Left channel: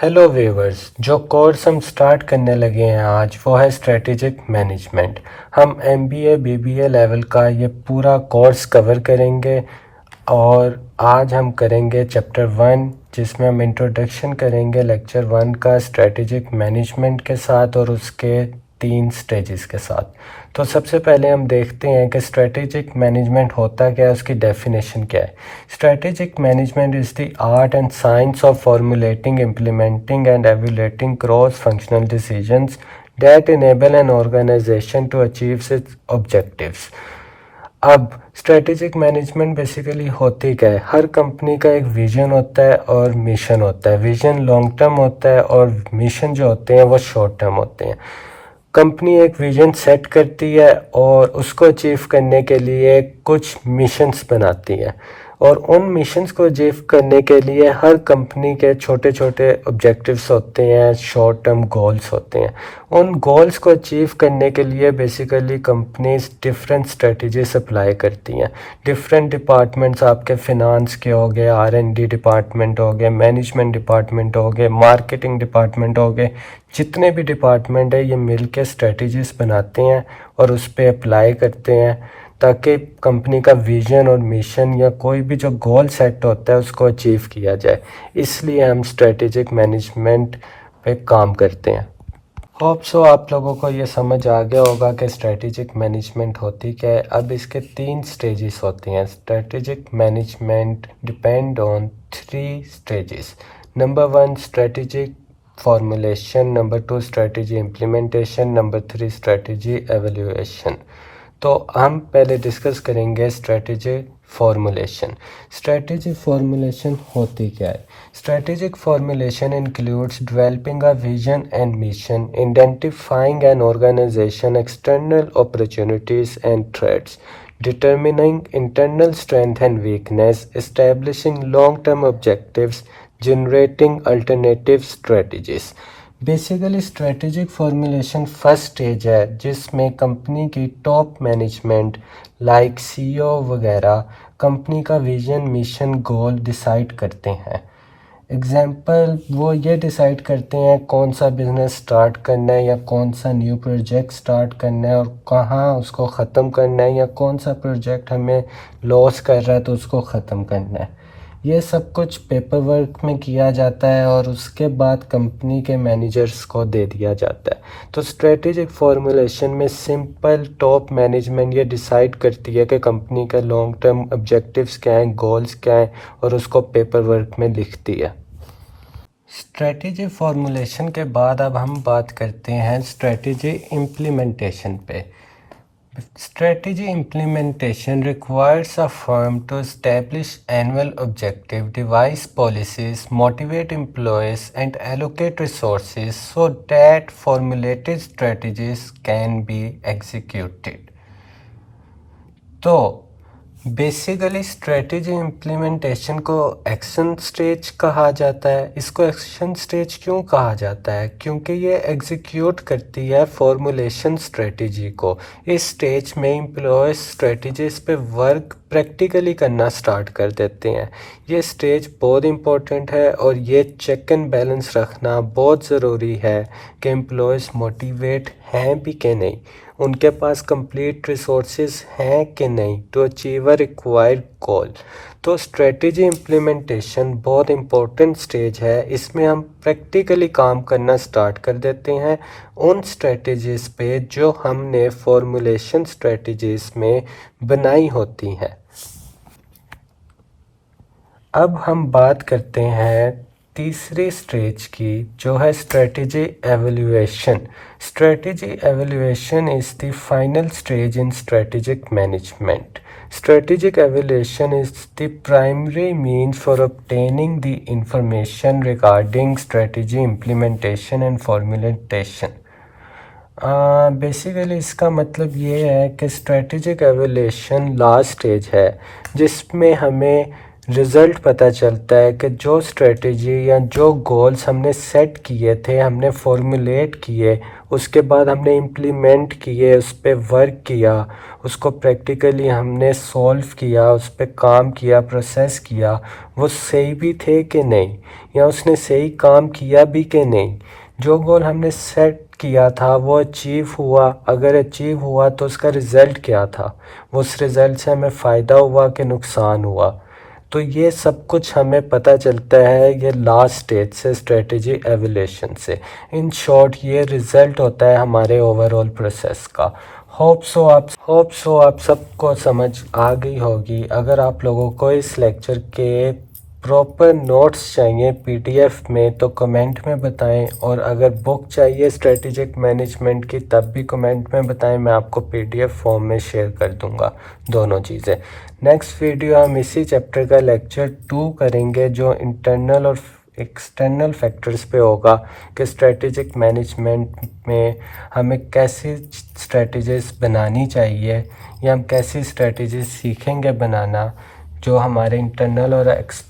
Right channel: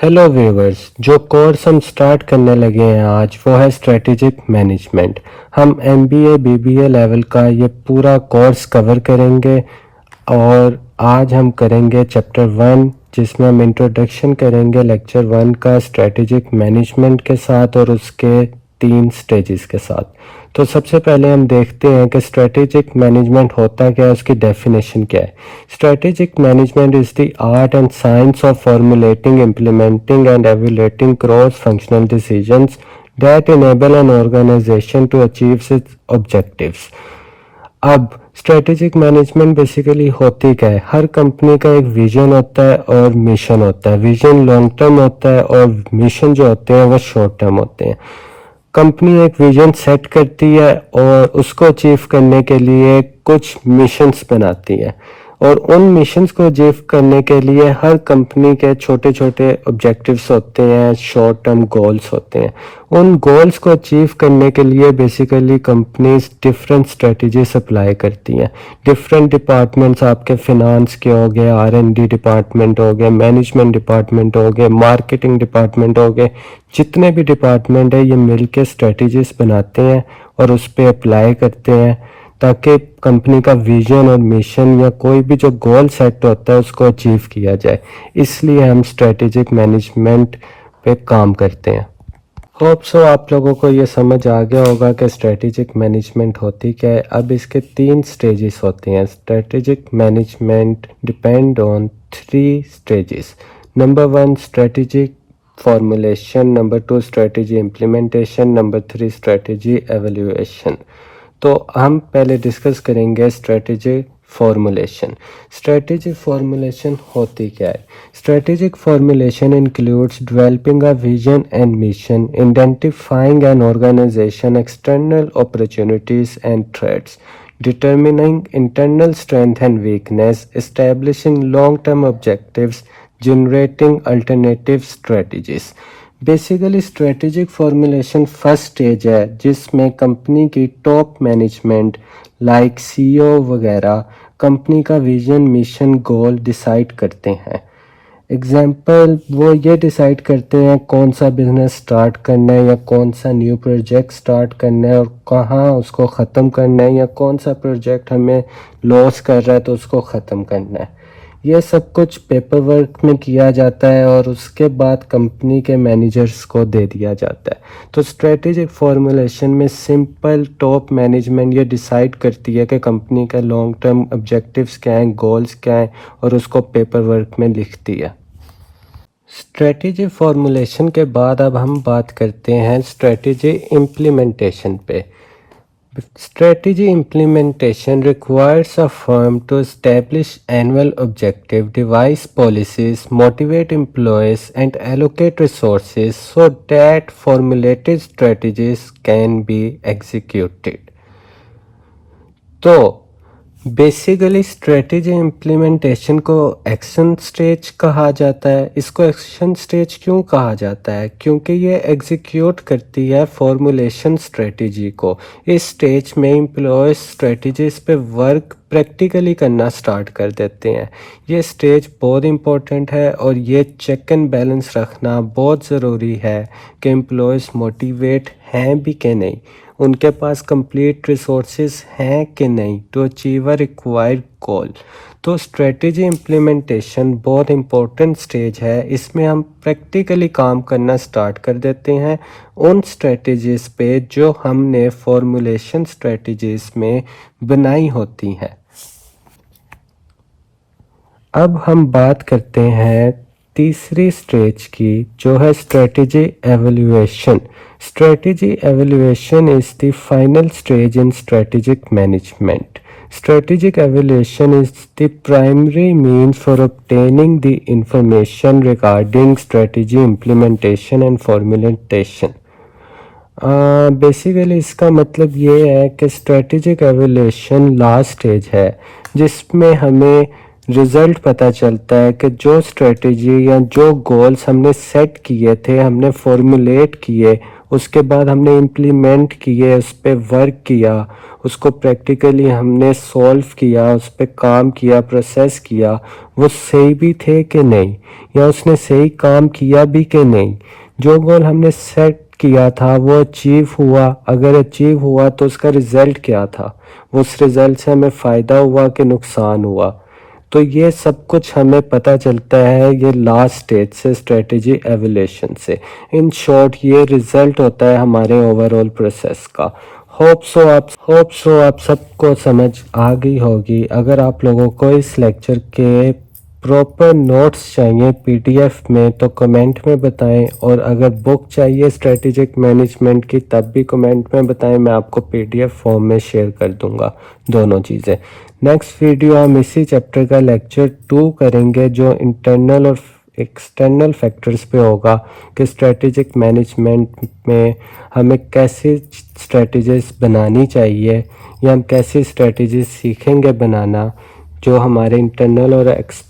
Hello viewers, जो course हम start करने लगे हैं आज वो है स्ट्रेटेजिक मैनेजमेंट। हम एमबीए बीबीए लेवल का ये पूरा कोर्स कवर करेंगे और आज हम करेंगे चैप्टर 1 जिसमें हम इंट्रोडक्शन करेंगे लेक्चर 1 का स्ट्रेटेजिक मैनेजमेंट के साथ और उसके 3 स्टेजेस के साथ। तो सबसे पहले हम देखते हैं कि स्ट्रेटेजिक मैनेजमेंट होता क्या है, उसकी डेफिनेशन क्या है। Strategic management is the art and science of formulating, implementing and evaluating cross functional decisions that enable an organization to achieve its objectives। अब स्ट्रेटेजिक मैनेजमेंट बेसिकली होती क्या है, हर कंपनी का एक विजन होता है और मिशन होता है। विजन लॉन्ग टर्म होता है और मिशन जो होते हैं वो शॉर्ट टर्म होते हैं। कंपनी एक विजन सेट करती है और उसको अचीव करने के लिए कुछ मिशंस बनाती है और उन मिशंस को अचीव करने के लिए हर कंपनी के छोटे छोटे ऑब्जेक्टिव्स होते हैं, शॉर्ट टर्म गोल्स होते हैं। उन गोल्स को अचीव करने के लिए basically companies different strategies apply करती हैं। डिफरेंट डिपार्टमेंट्स आपके फिनांस के हो गए, R&D डिपार्टमेंट हो गए, मैनेजमेंट डिपार्टमेंट हो गए, मार्केटिंग डिपार्टमेंट हो गए, जितने भी डिपार्टमेंट है ये मिलके स्ट्रेटजीज बनाते हैं और उस पर अप्लाई करते हैं ताकि कंपनी का विजन और मिशन या कोई भी जो गोल सेट होता है उसको अचीव किया जाए। इसलिए हम स्ट्रेटेजिक मैनेजमेंट पे काम करते हैं। होप सो आप लोगों को ये समझ आ गया होगा कि स्ट्रेटेजिक मैनेजमेंट होती क्या है। अब इसके 3 स्टेजेस होते हैं। Strategic management depend on 3 stages. Number 1 strategic formulation, number 2 strategy implementation, number 3 strategy evaluation. तो हम पहले डिस्कस करेंगे स्ट्रेटेजी फॉर्मुलेशन। स्ट्रेटेजिक फॉर्मुलेशन होती क्या है? Strategic formulation includes developing a vision and mission, identifying an organisation external opportunities and threats, determining internal strength and weakness, establishing long-term objectives, generating alternative strategies। Basically strategic formulation first stage है जिसमें company की top management like CEO वगैरह company का vision, mission, goal decide करते हैं। Example, वो ये decide करते हैं कौन सा बिजनेस स्टार्ट करना है या कौन सा न्यू प्रोजेक्ट स्टार्ट करना है और कहाँ उसको ख़त्म करना है, या कौन सा प्रोजेक्ट हमें लॉस कर रहा है तो उसको ख़त्म करना है। ये सब कुछ पेपर वर्क में किया जाता है और उसके बाद कंपनी के मैनेजर्स को दे दिया जाता है। तो स्ट्रेटेजिक फॉर्मुलेशन में सिंपल टॉप मैनेजमेंट ये डिसाइड करती है कि कंपनी के लॉन्ग टर्म ऑब्जेक्टिव्स क्या हैं, गोल्स क्या हैं, और उसको पेपर वर्क में लिखती है। स्ट्रेटेजी फॉर्मुलेशन के बाद अब हम बात करते हैं स्ट्रेटेजी इम्प्लीमेंटेशन पे। Strategy implementation requires a firm to establish annual objective, devise policies, motivate employees, and allocate resources so that formulated strategies can be executed। तो बेसिकली स्ट्रेटेजी इम्प्लीमेंटेशन को एक्शन स्टेज कहा जाता है। इसको एक्शन स्टेज क्यों कहा जाता है? क्योंकि ये एग्जीक्यूट करती है फॉर्मुलेशन स्ट्रेटेजी को। इस स्टेज में एम्प्लॉयज स्ट्रेटेजीज पे वर्क प्रैक्टिकली करना स्टार्ट कर देते हैं। ये स्टेज बहुत इम्पोर्टेंट है और ये चेक एंड बैलेंस रखना बहुत ज़रूरी है कि एम्प्लॉयज मोटिवेट हैं भी कि नहीं, उनके पास कंप्लीट रिसोर्सेज हैं कि नहीं टू अचीव अ रिक्वायर्ड गोल। तो स्ट्रेटेजी इम्प्लीमेंटेशन बहुत इम्पोर्टेंट स्टेज है। इसमें हम प्रैक्टिकली काम करना स्टार्ट कर देते हैं उन स्ट्रेटेजीज पे जो हमने फॉर्मुलेशन स्ट्रेटेजीज में बनाई होती हैं। अब हम बात करते हैं तीसरी स्टेज की जो है strategy evaluation. Strategy evaluation is the final stage in strategic management। Strategic evaluation is the primary means for obtaining the information regarding strategy implementation and formulation। Basically इसका मतलब ये है कि स्ट्रेटेजिक एवेल्युएशन लास्ट स्टेज है जिसमें हमें result पता चलता है कि जो स्ट्रेटेजी या जो गोल्स हमने सेट किए थे, हमने फॉर्मुलेट किए, उसके बाद हमने इम्प्लीमेंट किए, उस पर वर्क किया उसको प्रैक्टिकली हमने सॉल्व किया, उस पर काम किया, प्रोसेस किया, वो सही भी थे कि नहीं, या उसने सही काम किया भी कि नहीं, जो गोल हमने सेट किया था वो अचीव हुआ, अगर अचीव हुआ तो उसका रिजल्ट क्या था, उस रिजल्ट से हमें फ़ायदा हुआ कि नुकसान हुआ। तो ये सब कुछ हमें पता चलता है ये लास्ट स्टेज से, स्ट्रेटजी एवोल्यूशन से। इन शॉर्ट ये रिजल्ट होता है हमारे ओवरऑल प्रोसेस का। होप सो आप सबको समझ आ गई होगी। अगर आप लोगों को इस लेक्चर के प्रॉपर नोट्स चाहिए पीडीएफ में तो कमेंट में बताएं, और अगर बुक चाहिए स्ट्रेटेजिक मैनेजमेंट की तब भी कमेंट में बताएं, मैं आपको पीडीएफ फॉर्म में शेयर कर दूंगा दोनों चीज़ें। नेक्स्ट वीडियो हम इसी चैप्टर का लेक्चर 2 करेंगे जो इंटरनल और एक्सटर्नल फैक्टर्स पे होगा कि स्ट्रेटेजिक मैनेजमेंट में हमें कैसे स्ट्रेटजीज बनानी चाहिए, या हम कैसे स्ट्रेटजीज सीखेंगे बनाना जो हमारे इंटरनल और एक्सटर्नल